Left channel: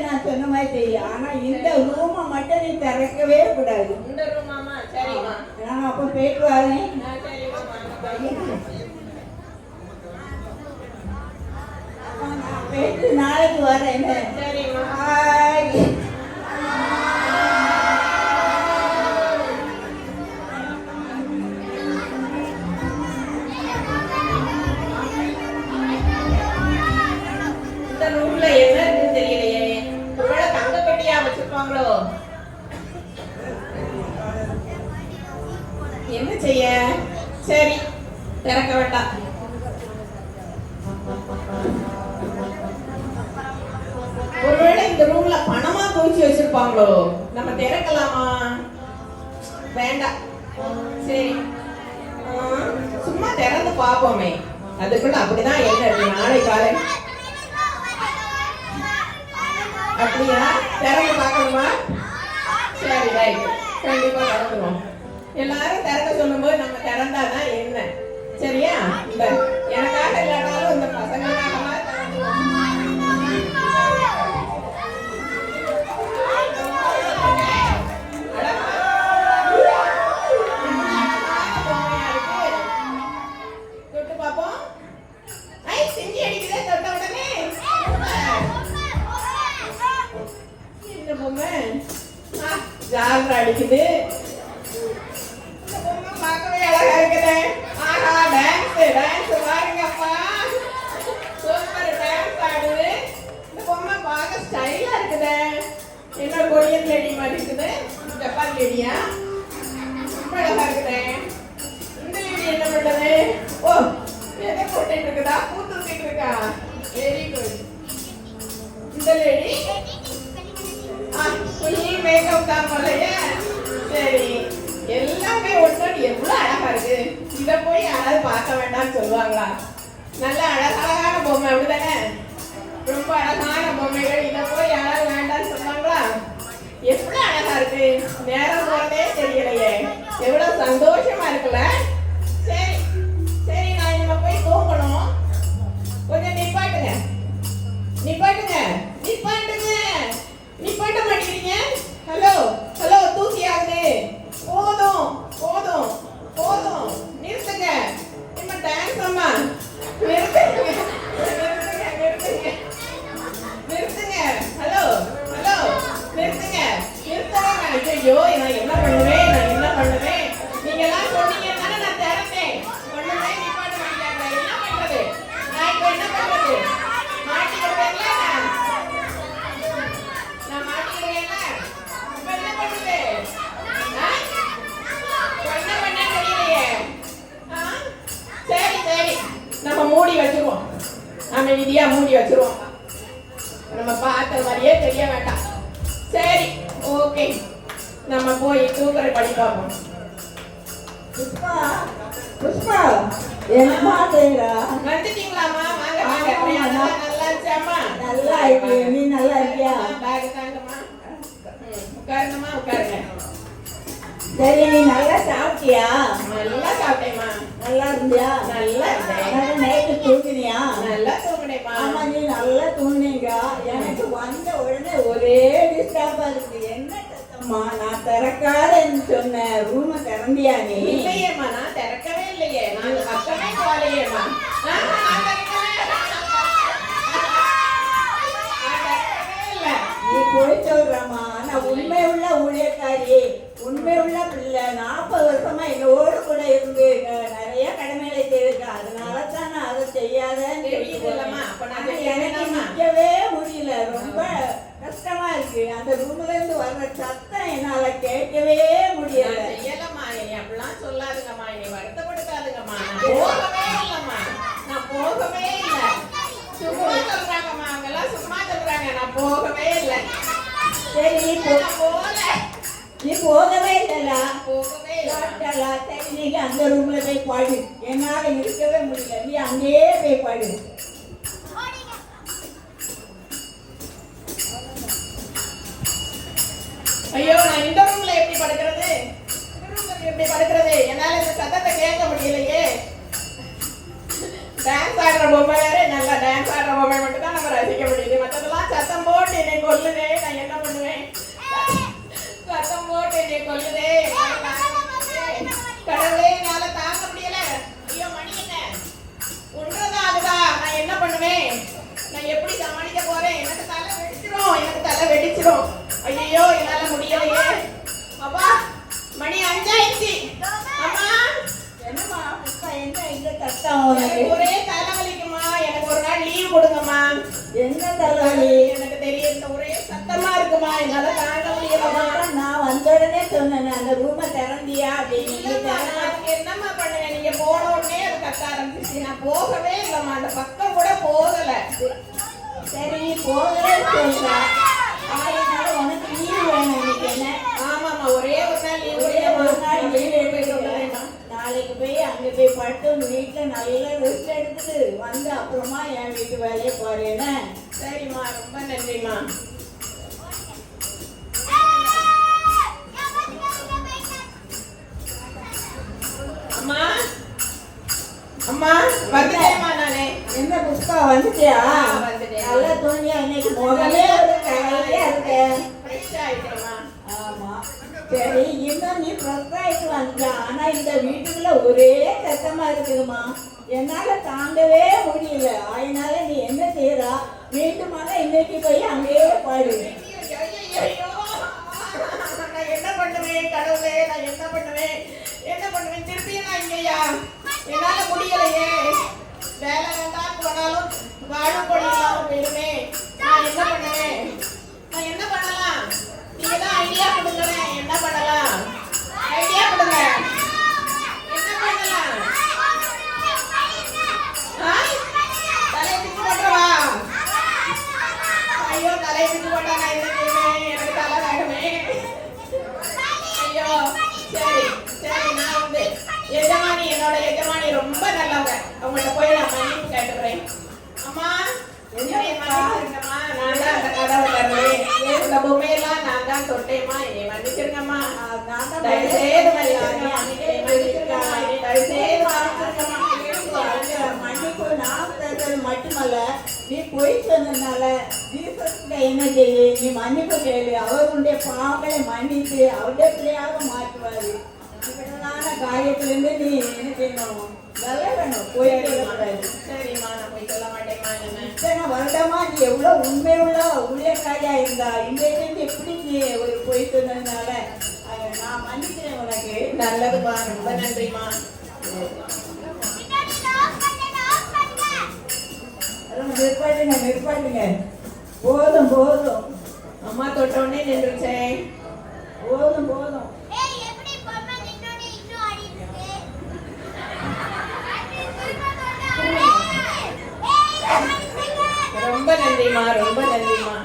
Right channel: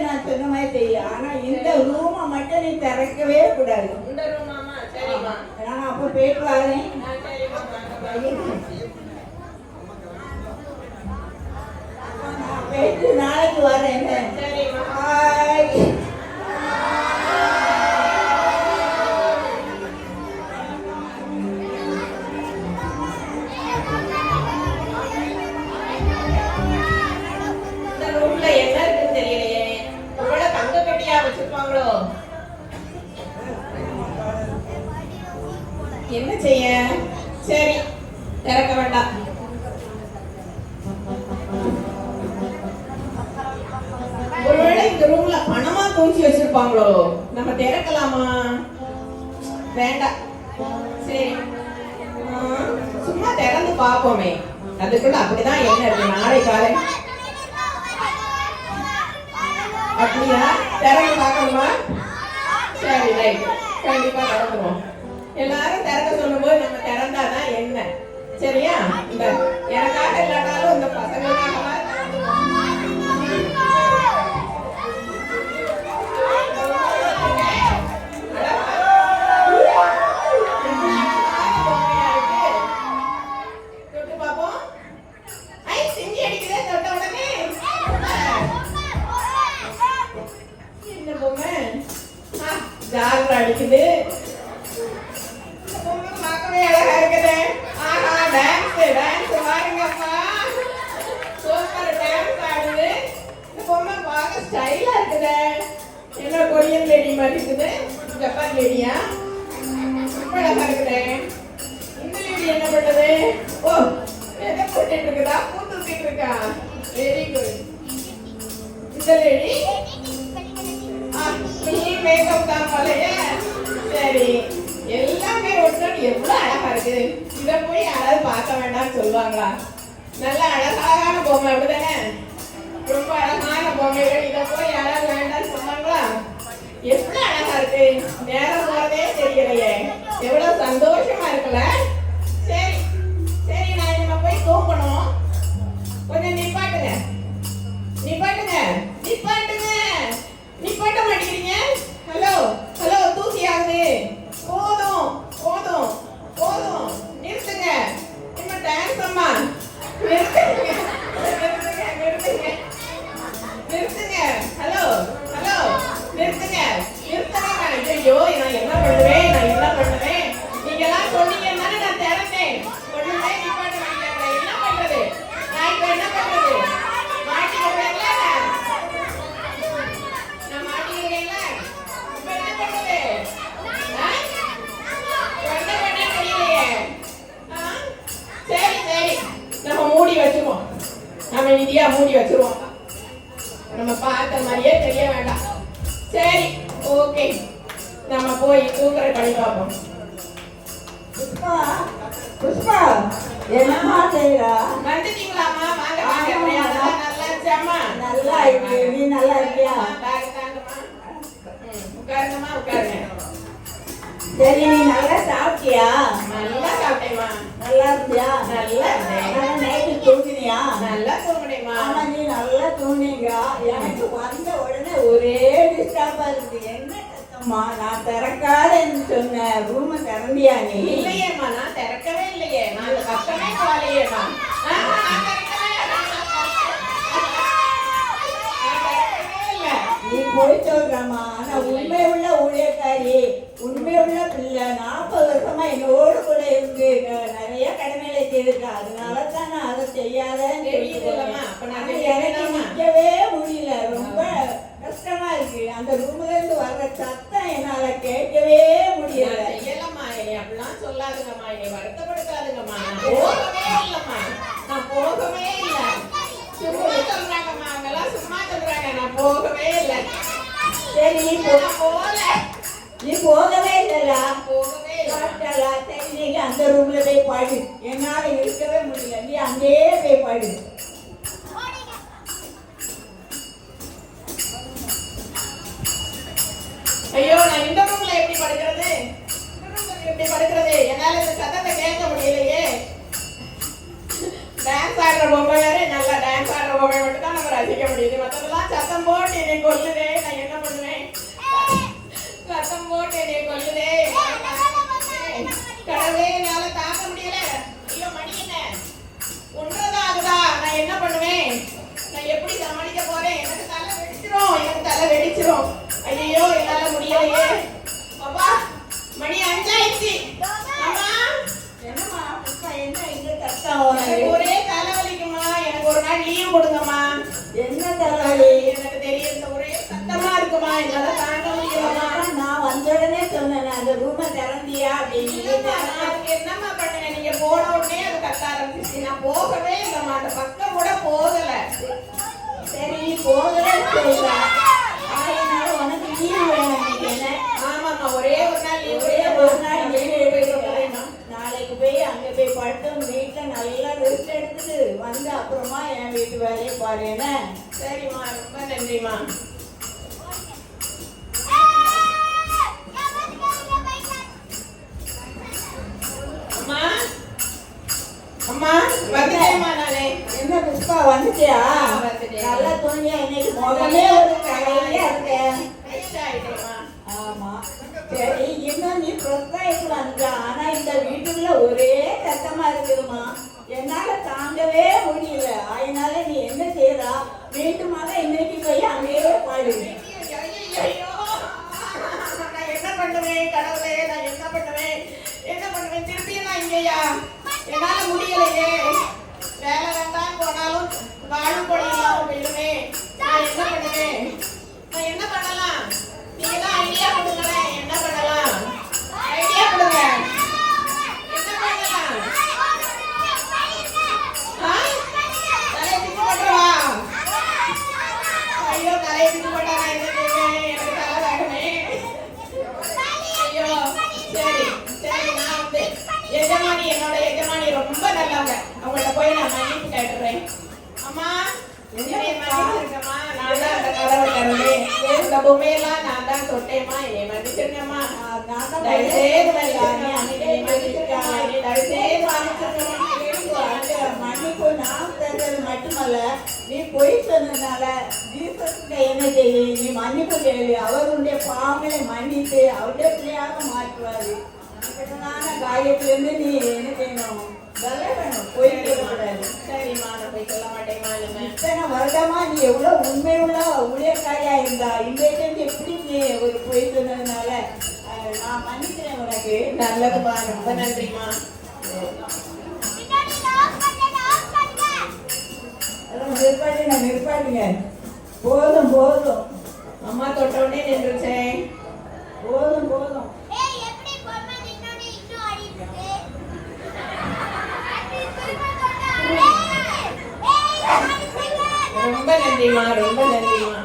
நான் சொன்ன மாதிரி தெரியும் ஆனா இந்த ரூமை மட்டும் நீ திறக்கவே கூடாது. இந்த ரூமா நான் அப்ப பேட்டு வரேன் நாளைக்கு வரேன் திறக்க வேண்டாம். ஒருவேளை இந்த ரூம்ல பணமா தூச்சி வச்சிருப்பாங்களோ? நம்ம திறக்கலாமா? வேண்டாம். சரி. சும்மா திறந்து பார்ப்போமே. அதுக்குள்ள அப்படிதான் என்ன இருக்கு நாளை விதியா மூடி வச்சிருவாங்க நம்ம பார்த்த மாதிரியே தெரிய வேண்டாம். சரி ஓகே நம்ம போய் கூக்குற படி பார்ப்போம். புஷ்பா புஷ்பா என்னமா செய்யறா நல்லா இருக்கியாமா நல்லா இருக்கு. நல்லா இருக்கியா? நல்லா இருந்தியா? ஒரே டிஸ்டர்பா இருக்கு என்ன சத்தம்மா? நான் திறக்காதேன்னு சொன்ன ரூம திறந்தியா நீ? இல்லையேமா நான் திறக்கவே இல்லையே. நான் பக்கமே காலையேம்மா நீ போய் சொல்றமா நான் உண்மை உள்ள ஊழியக்காரி உண்மை உள்ள பிள்ளை. நான் நீ போகவே நீங்க அந்த ரூம்ல போய் பாடு என்னால இருக்கவே முடியல நீ அங்கேயே போய் பாடு ஐயோ நான் இந்த ரூம்ல எப்படி படுக்கிறது? இந்த ரூம்ல எப்படி படுக்கிறது? என்னால இந்த சத்தத்தை கேட்க முடியலையே. டான்ஸ் ஆடுற பொம்மை வேற நல்லா டான்ஸ் ஆடுற பொம்மை மட்டும் தான் நம்ம ரசிக்க முடியுது. மற்றதெல்லாம் சத்தம் போட்டு என்னை கொல்லுதே. என்னம்மா பண்ணுவேன் நீங்க போன உடனே அது கத்த நான் போகவே இல்லம்மா. அந்த பக்கம் கூட போகல. சரி நீ அதனால உனக்கு லீவு வேணும் என்ன? ஆமாம்மா ஒரே ஒரு நாள் லீவ். ஒரே ஒரு நாள் நாளைக்கு போய் அங்க போய் படுத்து வீட்டுல நல்லா ரெஸ்ட் எடுத்துட்டு வந்து அப்புறமா என் வீட்டு வேலையை பாரு என்ன? சரிம்மா ரொம்ப நன்றிம்மா. அம்மா வந்துட்டேம்மா நானே என்ன புஷ்பா வந்துட்டியா. நல்லா தோணியா இன்னைக்கு? போகவே ஒரு கவலையா இருக்கேன் ஃப்ரெஷ் ஆயிட்டேம்மா ஆமா. சரி இன்னும் நீ ப்ரொஃபைல் வந்த ஆனா இந்த வீட்டுக்குள்ள ஒரே சத்தமா இருக்குதுமா என்னால தாங்கவே முடியல. அதனால நீ என்ன செய்யறா வீட்டு மகன் இன்னைக்கு போய் அங்கேயே பாடு. மன்னிப்பு கேளு அவருடைய பாவங்களை மன்னித்து அவருடைய பிள்ளையாக மாற்றுவாரு. இப்படியான காரியத்திலிருந்து நீ என்ன செய்யணும்? விலகணும் பொய் சொல்லக்கூடாது சரிம்மா நான் போய் சொல்ல மாட்டேம்மா என்ன இத்தனை வருடமா நீ எவ்வளவு உண்மையுள்ள ஊழியக்காரியா இருந்தா இன்றைக்கு எப்படி நீ ஒரு பொய் சொன்னதுனால நான் மன்னிக்கிறேன் உனக்கு. நல்லதுமா ரொம்ப அதெல்லாம் நிற்பாட்டுங்க நிற்பாட்டுங்க நன்றிம்மா ரொம்ப நன்றிம்மா.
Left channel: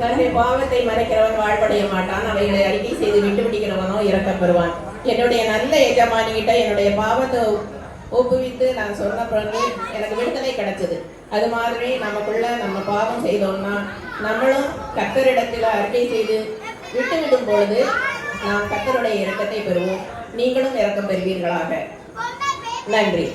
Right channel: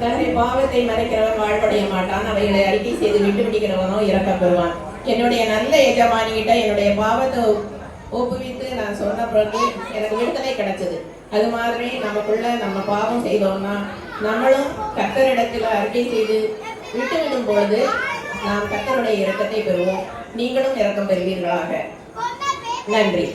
தன்னை பாவத்தை மறைக்கிறவன் வாழ்படைய மாட்டான். அவைகளை அறிக்கை செய்து விட்டு பிடிக்கிறவனோ இறக்கம் பெறுவான். என்னுடைய நல்ல எஜமானி கிட்ட என்னுடைய பாவத்தை ஒப்புவித்து நான் சொன்ன பிறகு எனக்கு விடுதலை கிடைச்சது. அது மாதிரி நமக்குள்ள நம்ம பாவம் செய்தோம்னா நம்மளும் கத்தரிடத்தில் அறிக்கை செய்து விட்டு விடும் பொழுது நாம் கத்தருடைய இரக்கத்தை பெறுவோம். நீங்களும் இரக்கம் பெறுவீர்களாக. நன்றி.